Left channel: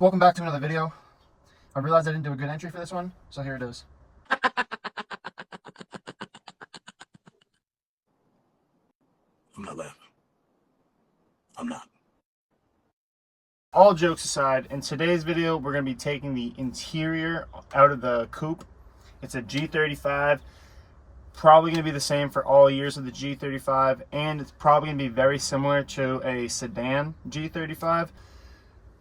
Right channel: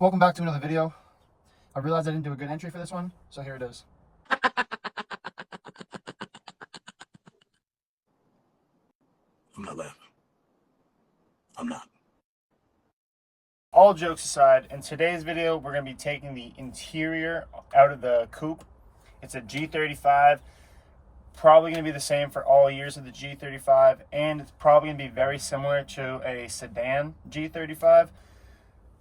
Welcome back to another video. I realized I didn't do a good entry for this one, so here it is. I'm not laughing. I'm not. All jokes aside, in today's video, we're going to be taking the interior out of the coupe. It's a G35. Probably going to be the same for all years of the G35, and it's probably going to be very similar to a sedan G35.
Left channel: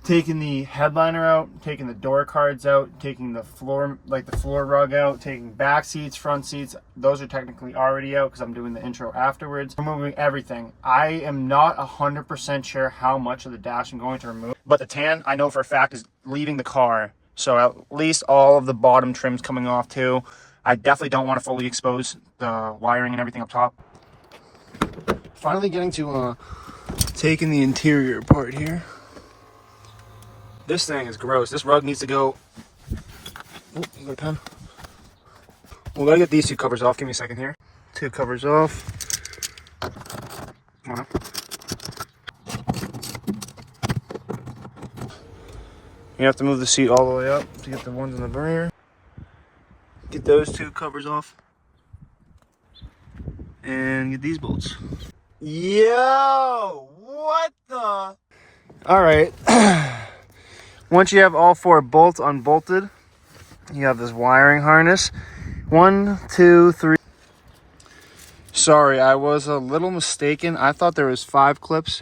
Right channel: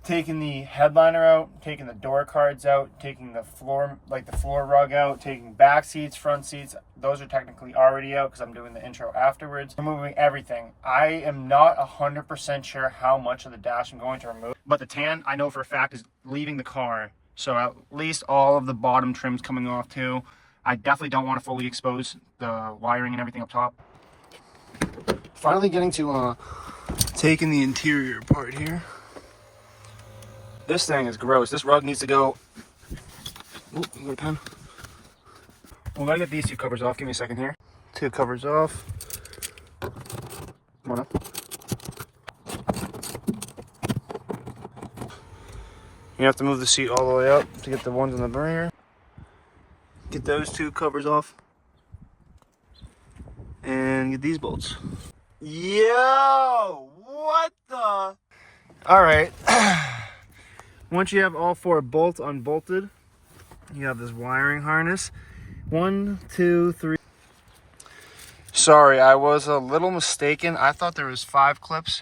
Taking the headliner out, taking the door cards out, taking the floor, like the floor rug out, taking back seats, front seats. Those are technically already out because I'm doing the intro afterwards. Removing everything. I am not 100% sure how much of the dash I'm going to remove, but the tan, I know for a fact, is leaving the car. So at least all of the bottom trim's coming off too. I definitely don't want to fully expose the wiring and everything up top. Finally getting to taking the interior apart here. This thing is gross. This rug needs to go. Oh, you got a pen? Well, let me get these two covers off. Give me a second here. Two covers off. Come on up. You have to move the seat all the way up to get the ones in the rear. Get those two covers off. And get these bolts. Yo! What the? Alright. Once you have all four bolts unbolted, you have this wiring harness. 1, 2, 3. Sorry, I was a little mistaken. I thought there was 5 clips,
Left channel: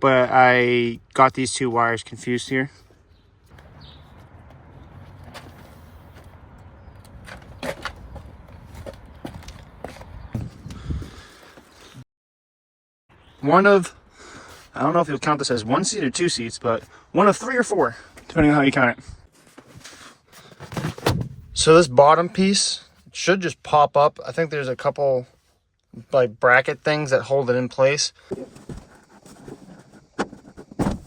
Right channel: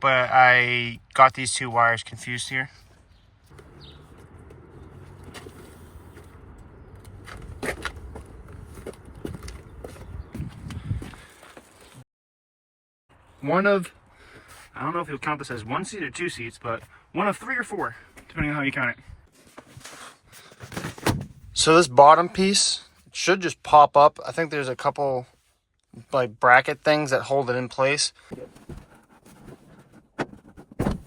but I got these two wires confused here. One of, I don't know if you'll count this as 1 seat or 2 seats, but one of 3 or 4, depending on how you count it. So this bottom piece should just pop up. I think there's a couple like bracket things that hold it in place.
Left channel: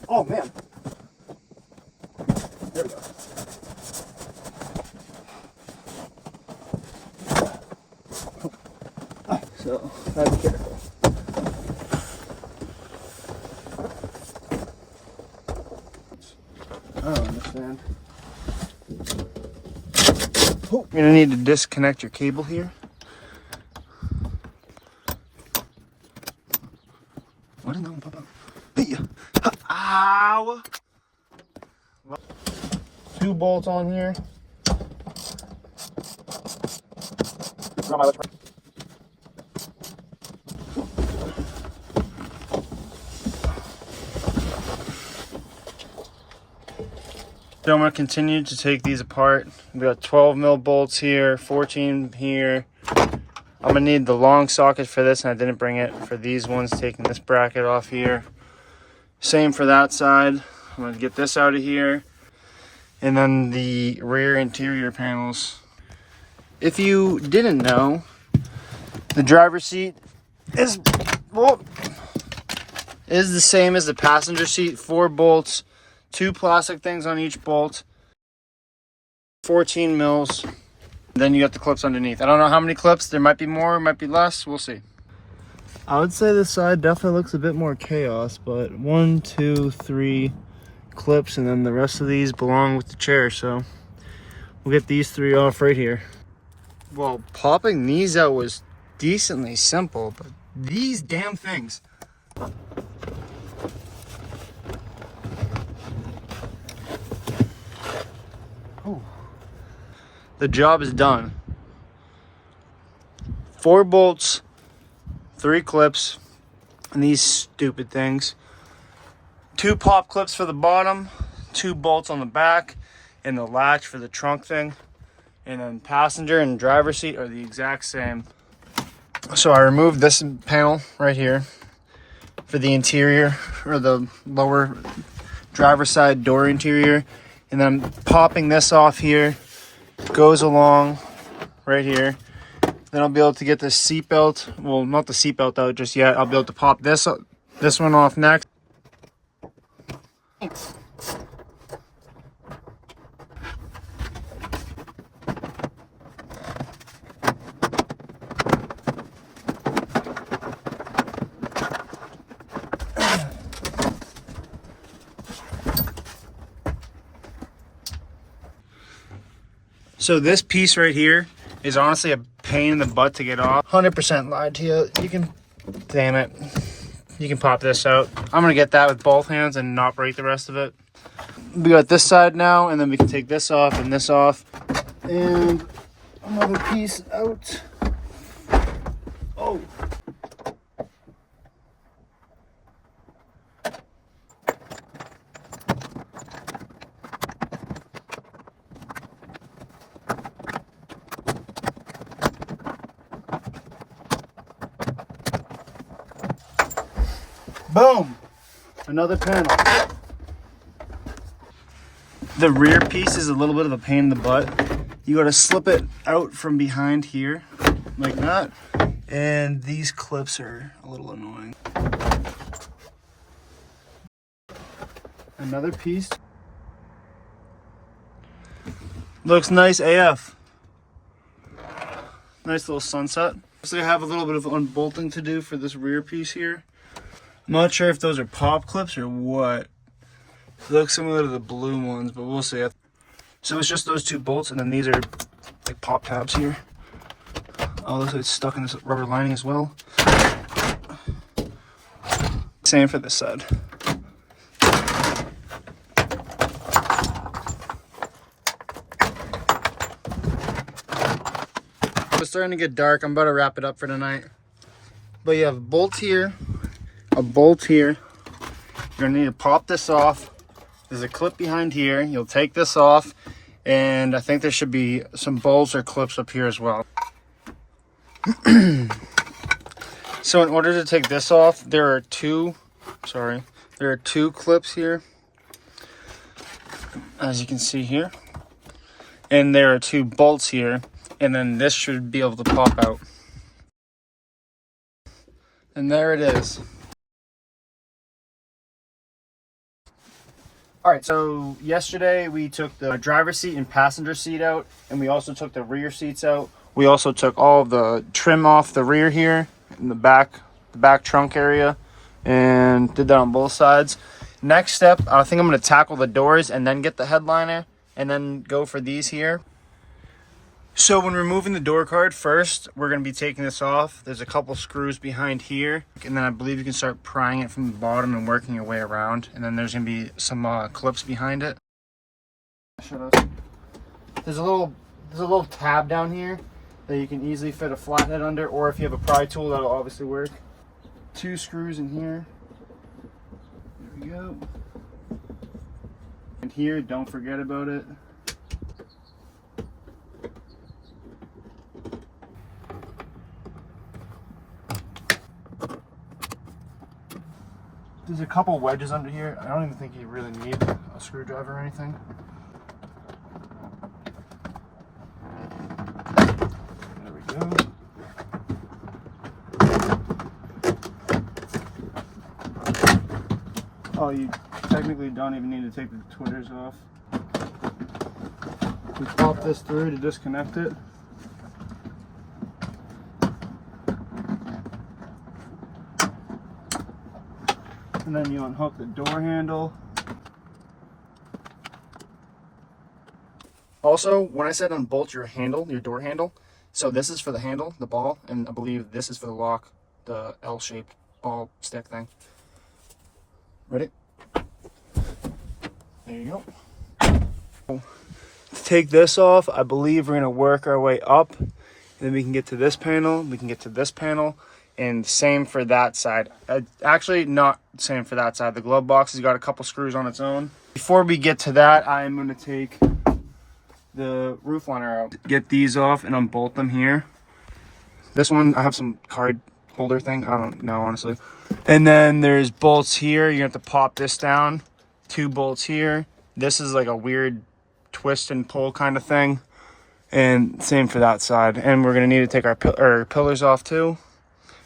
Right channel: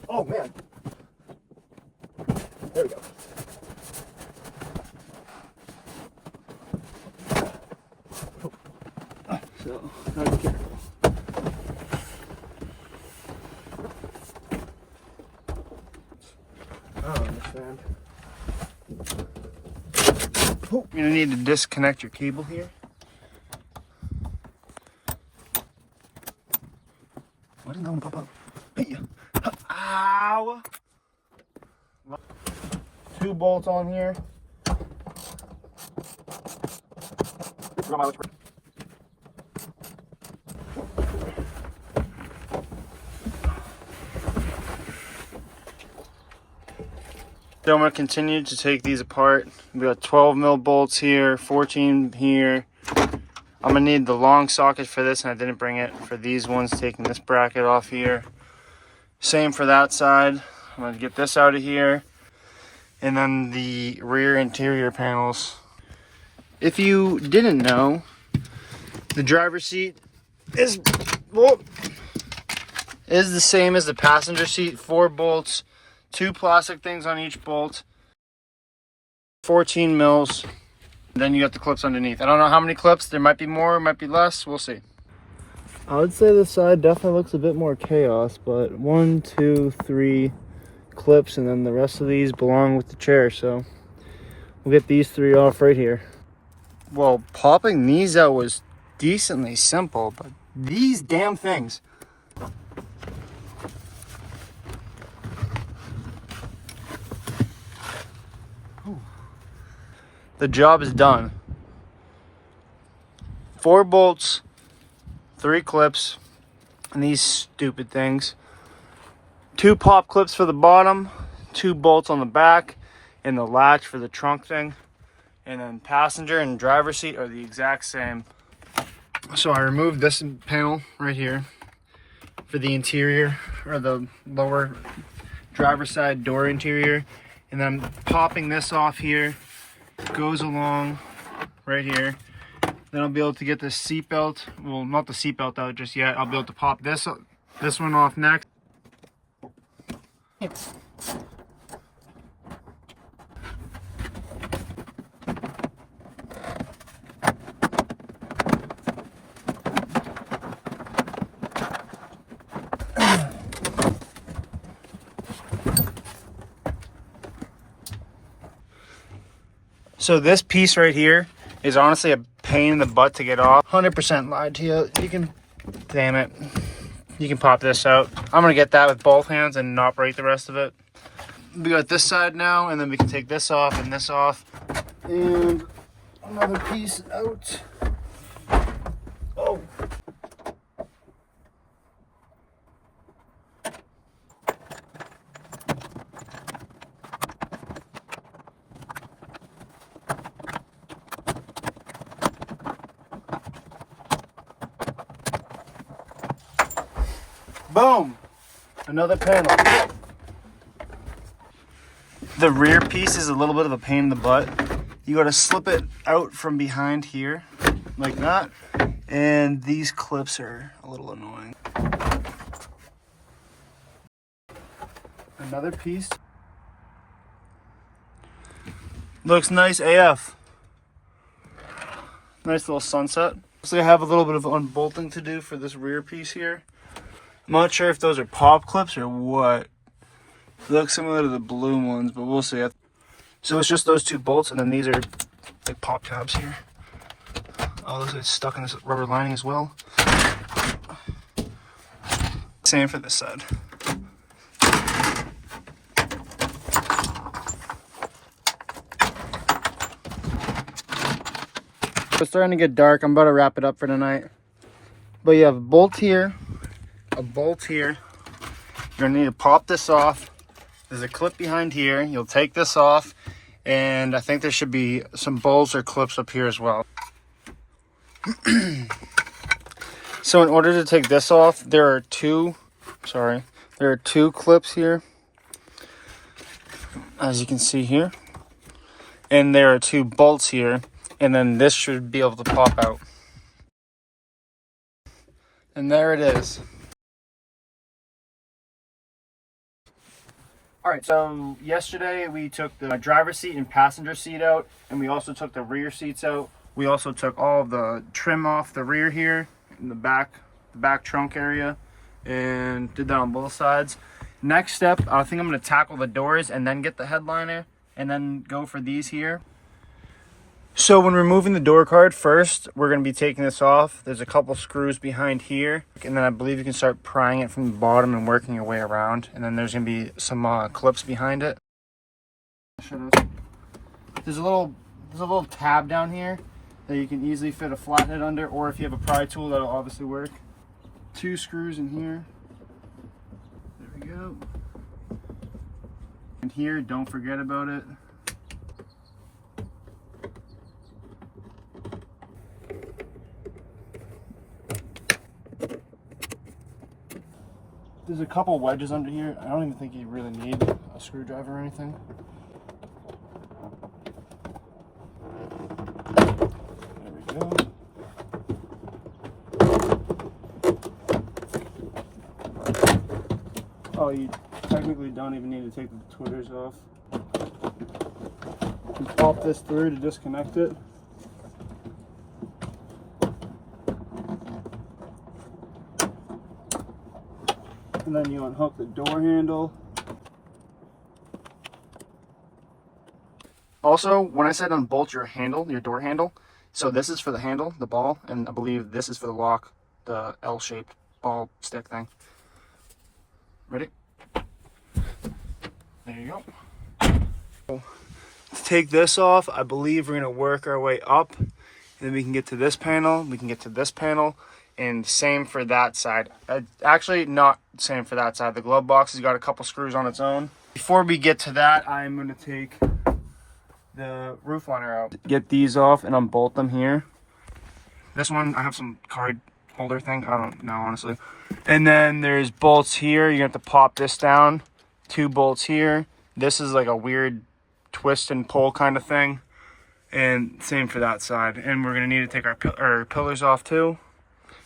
Oh man. There we go. So, gotta be careful. I don't understand. Oh, you're gonna need to disconnect your cable here. What is that one pop up? Hey. Ow! 2 bolts on here. No, my So I'm going to continue to take these apart. We got 12 mil bolts here, 14 here. I'm going to need the long socket for this, and I didn't bring it for these ones, taking this bracket off here. Same for that side. I'm going to get this out of here. And then the rear interior panels. If you didn't know, the driver's seat is the same as the passenger seat. 4 bolts. 2 plastic things on each bolt, 14 mils. Then you got the clips underneath. I don't know how many clips. There might be more, might be less. We'll see. I would say this side definitely looks a bit more chaos, but 1, 2, 3 clips, and then the rest of these belong with the chair. So we'll get these 3 off right here. Well, popping these out was decently simple, but these damn things. The job is done. 4 bolts, 3 clips, and these stupid things. 2 pop clips for the bottom, 2 bolts on the back, and the latch for the trunk thing. And then passenger and driver seat are the exact same. So I removed this panel right here for the interior, or the lower driver's side door interior. And then I'm popping this off here. Goes along right here. Then I'll be able to get the seat belt. Well, not the seat belt out just yet. I'll be able to pop this one off next. So this piece right here is honestly a pain in the butt to get off. 100% lied to you. You can, damn it. You can pop this out. I'm gonna get that with both hands and not break the rest of it. We got this side now, and then we can take this off and this off. And another piece out. Oh. Boom! Another panel. The rear piece is a little bit of a pain in the butt. You gotta slip it out from behind here, like that. And these clips are a little annoying. Another piece. Looks nice AF. Nice little sunset. So I have a little bit of unbolting to do for this rear piece here. I'm not sure if those are pop clips or what. They look similar to the blue ones, but we'll see. So it's just those two bolts, and then these are like pop tabs here. Oh, looks like it's stuck in this rubber lining as well. Same for this side. It's starting to get dark. I'm about to wrap it up for tonight. But you have a bolt here, a bolt here. You're gonna need to pop this off. There's a clip behind here. You'll take this off, and I think there should be some bolts or clips up here as well. So in order to take this off, there are two clips here, as you can see here. And there are two bolts here, and then this should be able to pop out. And there it is. All right, so yesterday we took the driver's seat and passenger seat out, and we also took the rear seats out. We also took all of the trim off the rear here in the back trunk area, and did that on both sides. Next step, I think I'm gonna tackle the doors and then get the headliner, and then go for these here. So when removing the door card, first we're going to be taking this off. There's a couple screws behind here, and then I believe you can start prying it from the bottom and working your way around. And then there's going to be some clips behind it. There's a little tab down here that you can easily fit a flathead under, or if you have a pry tool, that'll obviously work. Two screws in here. There we go. And here, don't forget about it. There's a couple wedges under here. I don't even think you really need a screwdriver or anything. There we go. Oh, you technically don't even need to take the twitters off. We pop this through to disconnect it. And then you unhook the door handle. Also, when I said unbolt your handle, your door handle, so this is for the handle, the ball, and I believe this is for the lock, the L-shaped ball stick thing. Ready? There you go. To take this off, I believe we're gonna work our way up. Then we can get to this panel, we can get to this panel, and same for that side. Actually, not same for that side. The glove box has got a couple screws on its own. Before we get to that, I'm gonna take the roof liner out. Get these off and unbolt them here. This one, I have some card holder thing. I don't know, honestly. And then there's bolts here. You have to pop this down. Two bolts here. This is like a weird twist and pull kind of thing. And same for that side. And we're gonna need to take our pillars off too.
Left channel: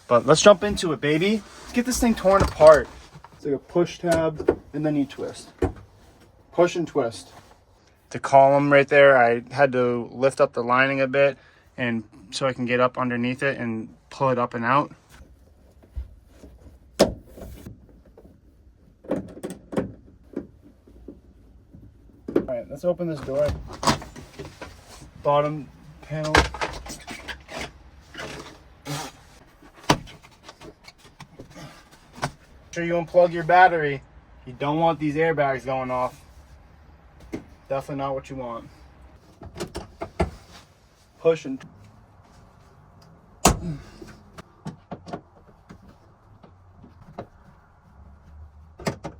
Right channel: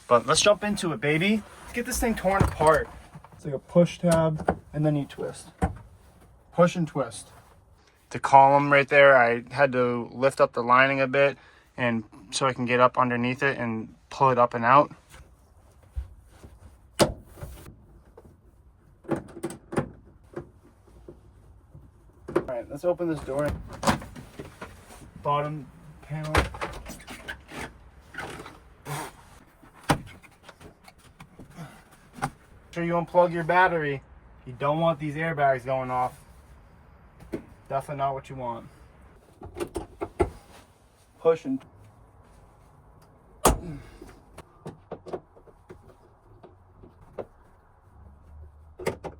But let's jump into it, baby. Let's get this thing torn apart. It's like a push tab, and then you twist. Push and twist. The column right there, I had to lift up the lining a bit, and so I can get up underneath it and pull it up and out. All right, let's open this door. bottom panel. Make sure you unplug your battery. You don't want these airbags going off. Definitely not what you want. Pushing.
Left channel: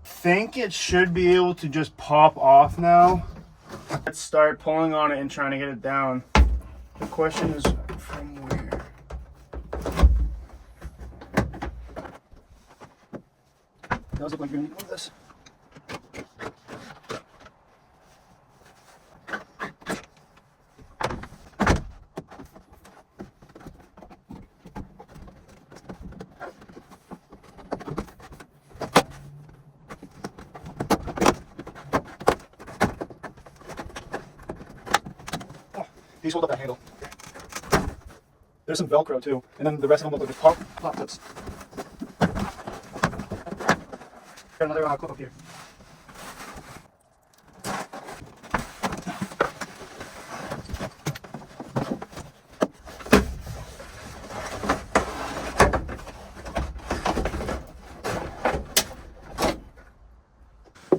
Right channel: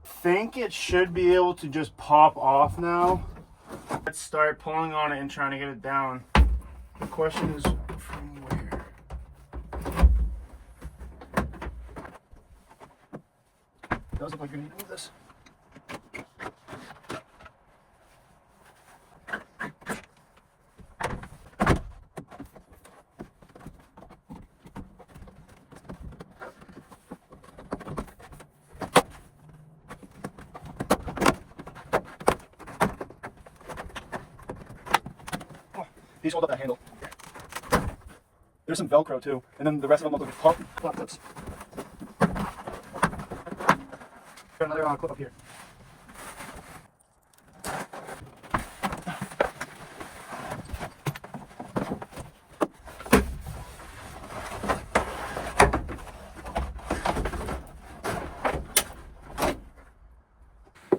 Think it should be able to just pop off now. Let's start pulling on it and trying to get it down. The question is from where? It does look like you're gonna do this. These hold up that handle. There's some Velcro too, and then the rest of them look like pump flap clips. Got another clip up here.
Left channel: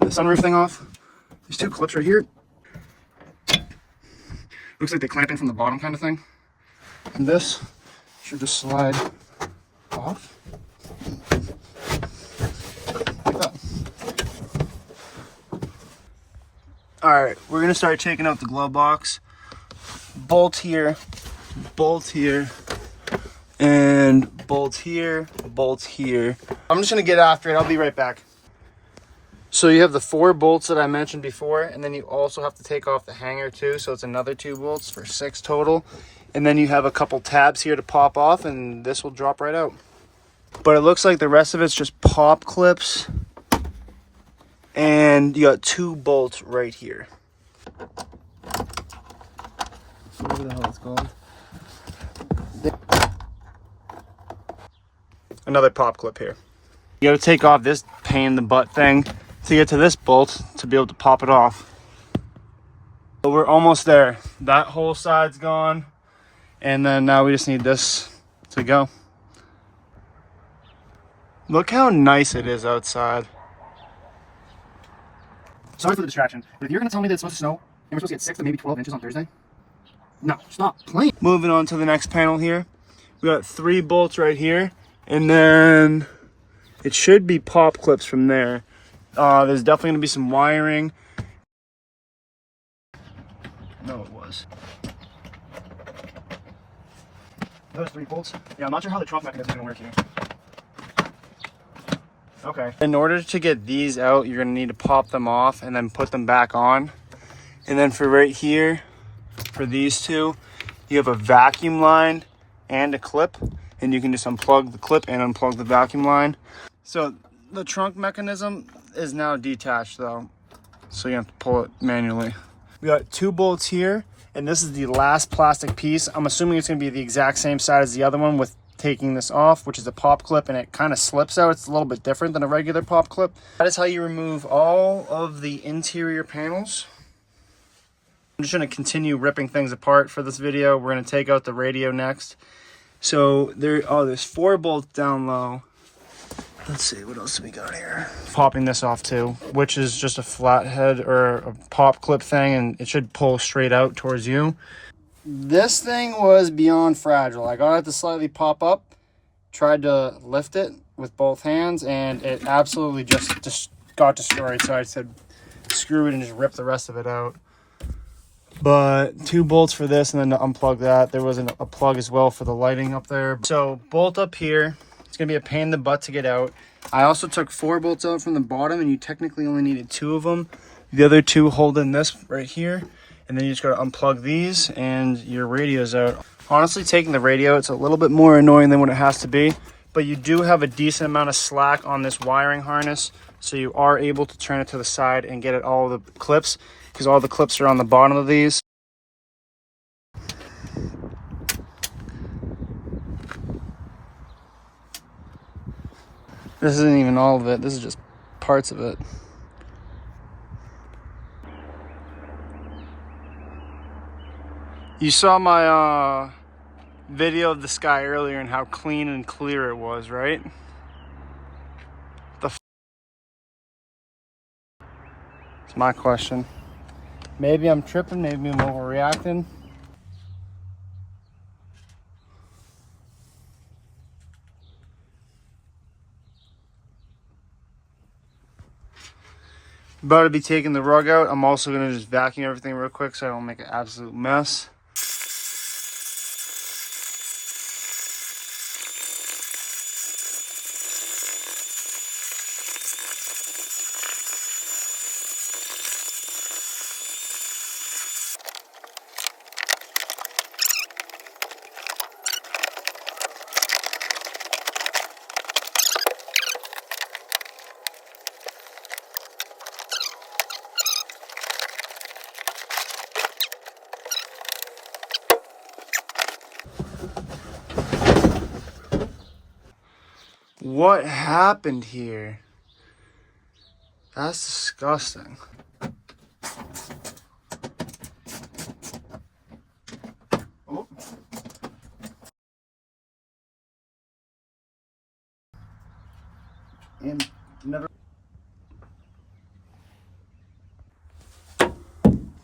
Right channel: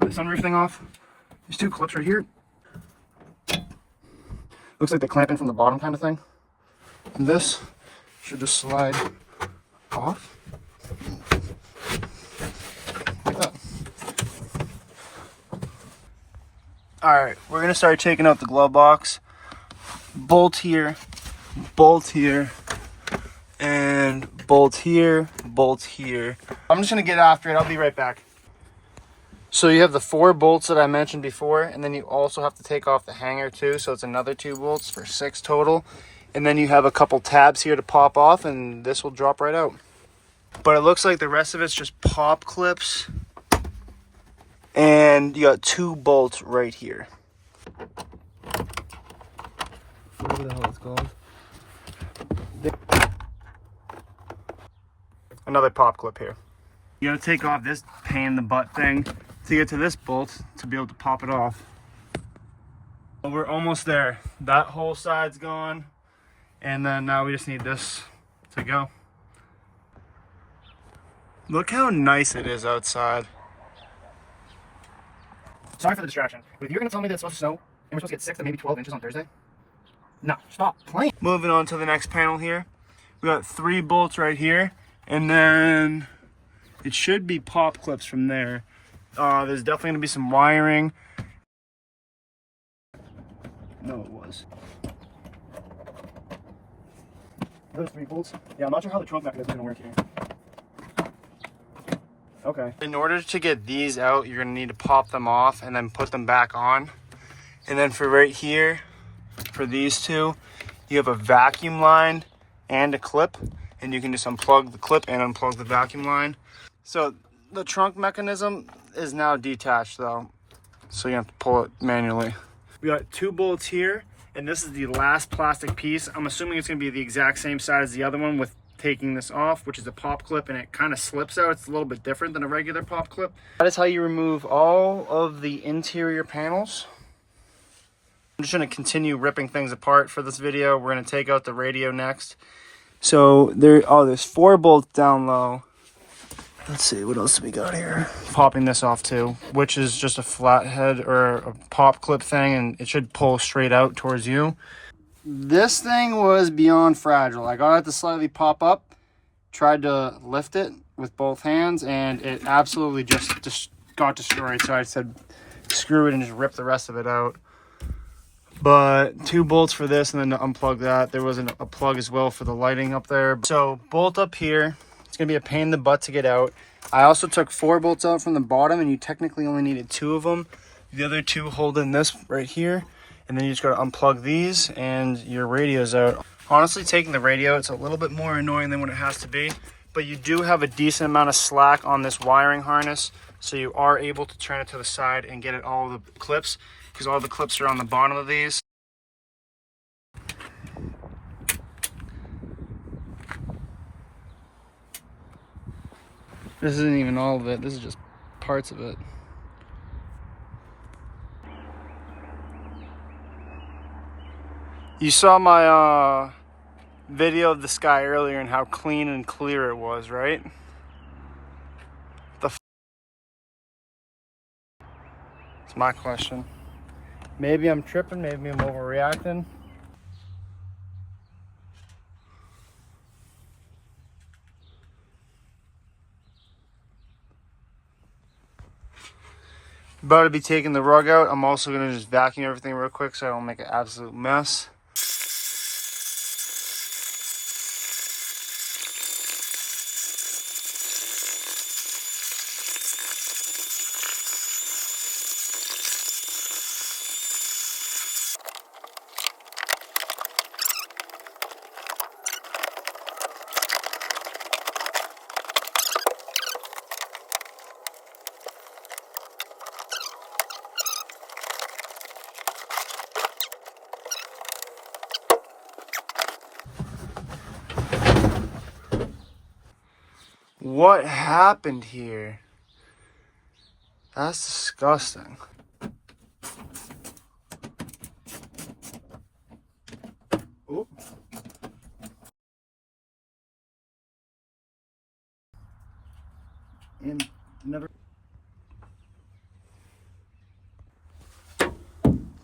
The sunroof thing off. These two clips right here. Looks like they clamp in from the bottom kind of thing. And this should just slide off. Like that. Alright, we're going to start taking out the glove box. Bolt here, and bolt here, bolt here. I'm just going to get after it. I'll be right back. So you have the 4 bolts that I mentioned before, and then you also have to take off the hanger too, so it's another 2 bolts for 6 total. And then you have a couple tabs here to pop off, and this will drop right out. But it looks like the rest of it's just pop clips, and you got 2 bolts right here. Whatever the hell it's called. Another pop clip here. You gotta take off this pain in the butt thing to get to this bolt to be able to pop it off. But we're almost there. That whole side's gone, and then now we just need this to go. Look how nice it is outside. Sorry for the distraction, but if you're gonna tell me that it's supposed to snow and we're supposed to get 6 to maybe 12 inches on Thursday, no, stop playing. Moving on to the next panel here. We got 3 bolts right here, and then it should be pop clips from there. There's definitely going to be some wiring. No, it was. Those 3 bolts. Yeah, I'm not sure how the trunk mechanism is going to work here. Okay. In order to get these out, you're going to need to pop them off and then put them back on. And then for right here, for these 2, you have a vacuum line and a clip. And you can just unplug the clip and unplug the vacuum line. So the trunk mechanism is now detached though, so you have to pull it manually. We got 2 bolts here, and this is the last plastic piece. I'm assuming it's going to be the exact same side as the other one with taking this off, which is a pop clip, and it kind of slips out. It's a little bit different than a regular pop clip. That is how you remove all of the interior panels. I'm just going to continue ripping things apart for this video. We're going to take out the radio next. So there's 4 bolts down low. Let's see, what else do we got here? Popping this off too, which is just a flathead or a pop clip thing, and it should pull straight out towards you. This thing was beyond fragile. I got it to slightly pop up, tried to lift it with both hands, and it absolutely just got destroyed. So I said, screw it and just rip the rest of it out. But 2 bolts for this, and then to unplug that. There was a plug as well for the lighting up there. So bolt up here. It's going to be a pain in the butt to get out. I also took 4 bolts out from the bottom, and you technically only needed 2 of them. The other 2 hold in this right here, and then you just got to unplug these, and your radio's out. Honestly, taking the radio, it's a little bit more annoying than what it has to be, but you do have a decent amount of slack on this wiring harness, so you are able to turn it to the side and get at all the clips, because all the clips are on the bottom of these. This isn't even all of it. This is just parts of it. You saw my video of the sky earlier and how clean and clear it was, right? It's my question. Maybe I'm tripping, maybe I'm overreacting. About to be taking the rug out. I'm also gonna just vacuum everything real quick so I don't make an absolute mess. What happened here? That's disgusting. Oop. And never.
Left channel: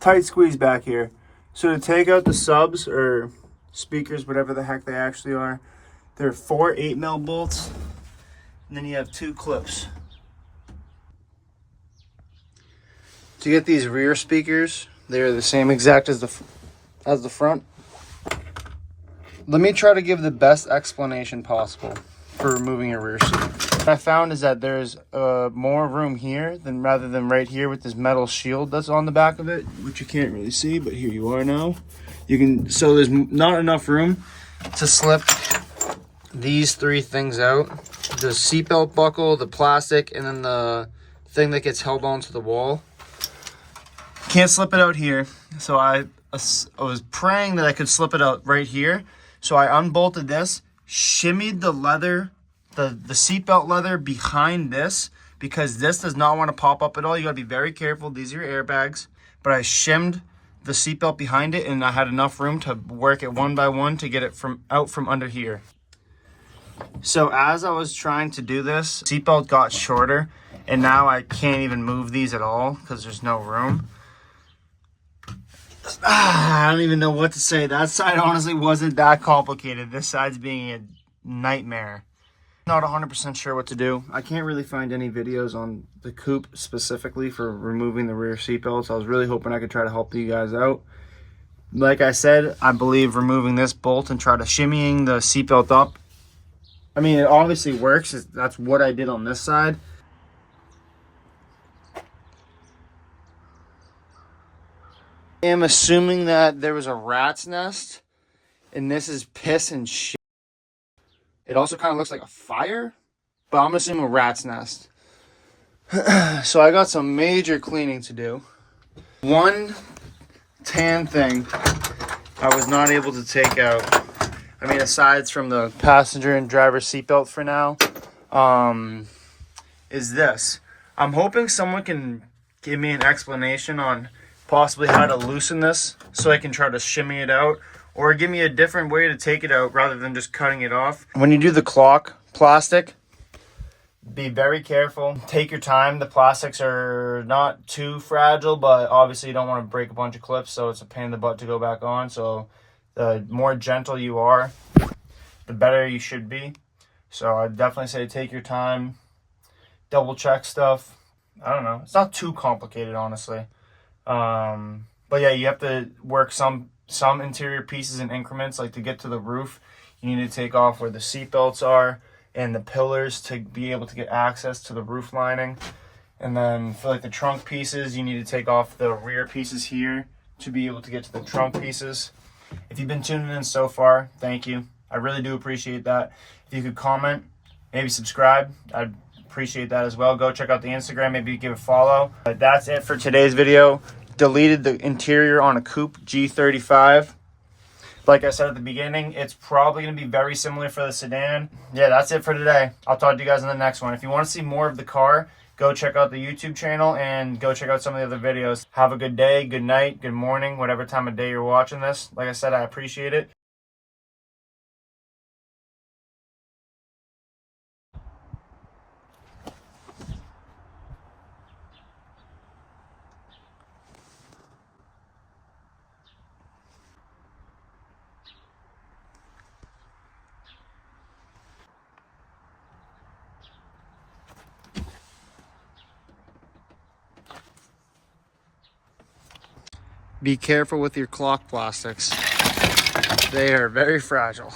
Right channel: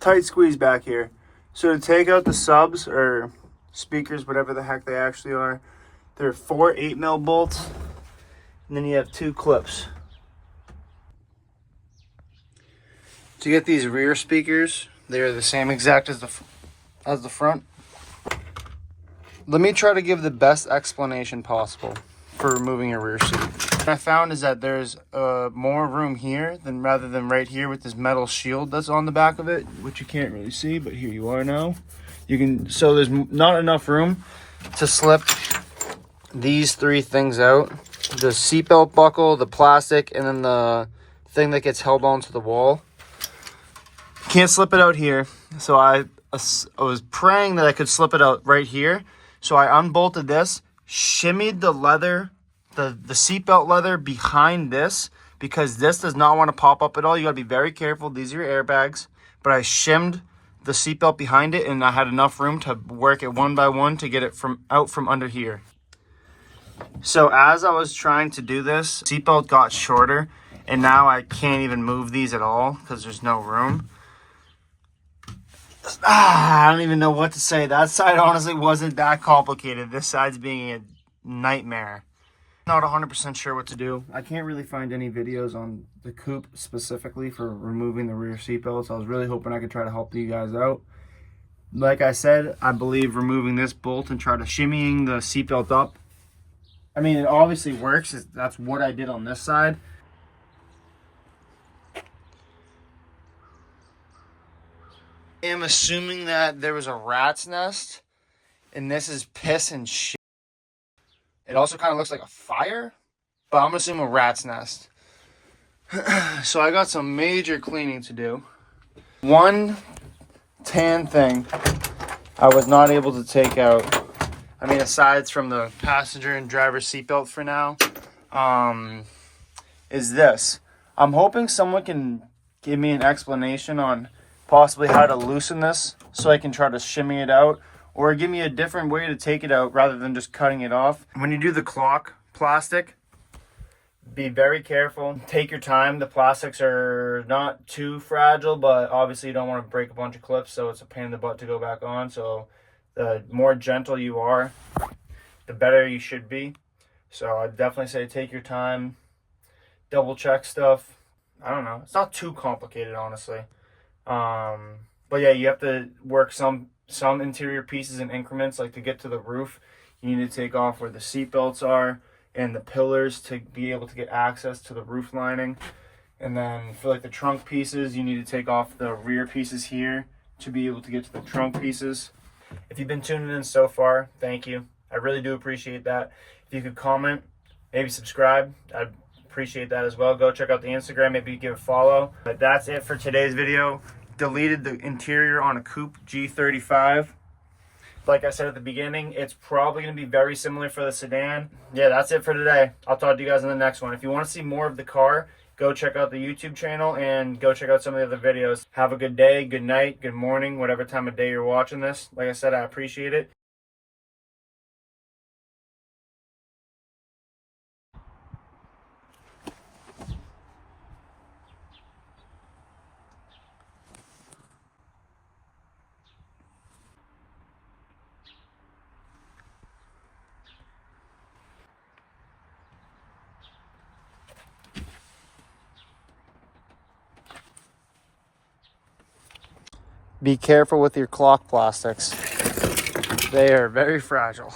Tight squeeze back here. So to take out the subs or speakers, whatever the heck they actually are, there are 4 8mm bolts, and then you have 2 clips. To get these rear speakers, they're the same exact as the front. Let me try to give the best explanation possible for removing a rear seat. What I found is that there's more room here than rather than right here with this metal shield that's on the back of it, which you can't really see, but here you are now. You can, so there's not enough room to slip these 3 things out: the seatbelt buckle, the plastic, and then the thing that gets held onto the wall. Can't slip it out here, so I was praying that I could slip it out right here. So I unbolted this, shimmied the leather, the seatbelt leather behind this, because this does not want to pop up at all. You got to be very careful. These are your airbags. But I shimmed the seatbelt behind it, and I had enough room to work it one by one to get it out from under here. So as I was trying to do this, seatbelt got shorter, and now I can't even move these at all because there's no room. I don't even know what to say. That side honestly wasn't that complicated. This side's being a nightmare. Not 100% sure what to do. I can't really find any videos on the coupe specifically for removing the rear seatbelts. I was really hoping I could try to help you guys out. Like I said, I believe removing this bolt and try to shimmying the seatbelt up. I mean, it obviously works. That's what I did on this side. I am assuming that there was a rat's nest, and this is piss and shit. It also kind of looks like a fire, but I'm assuming a rat's nest. So I got some major cleaning to do. One tan thing I was not able to take out. I mean, aside from the passenger and driver seatbelt for now, is this. I'm hoping someone can give me an explanation on possibly how to loosen this so I can try to shimmy it out, or give me a different way to take it out rather than just cutting it off. When you do the clock plastic, be very careful. Take your time. The plastics are not too fragile, but obviously you don't want to break a bunch of clips, so it's a pain in the butt to go back on. So the more gentle you are, the better you should be. So I definitely say take your time, double check stuff. I don't know. It's not too complicated, honestly. But yeah, you have to work some interior pieces in increments. Like to get to the roof, you need to take off where the seat belts are and the pillars to be able to get access to the roof lining. And then for like the trunk pieces, you need to take off the rear pieces here to be able to get to the trunk pieces. If you've been tuning in so far, thank you. I really do appreciate that. If you could comment, maybe subscribe, I'd appreciate that as well. Go check out the Instagram, maybe give a follow. But that's it for today's video. Deleted the interior on a coupe G35. Like I said at the beginning, it's probably going to be very similar for the sedan. Yeah, that's it for today. I'll talk to you guys in the next one. If you want to see more of the car, go check out the YouTube channel and go check out some of the other videos. Have a good day, good night, good morning, whatever time of day you're watching this. Like I said, I appreciate it. Be careful with your clock plastics. They are very fragile.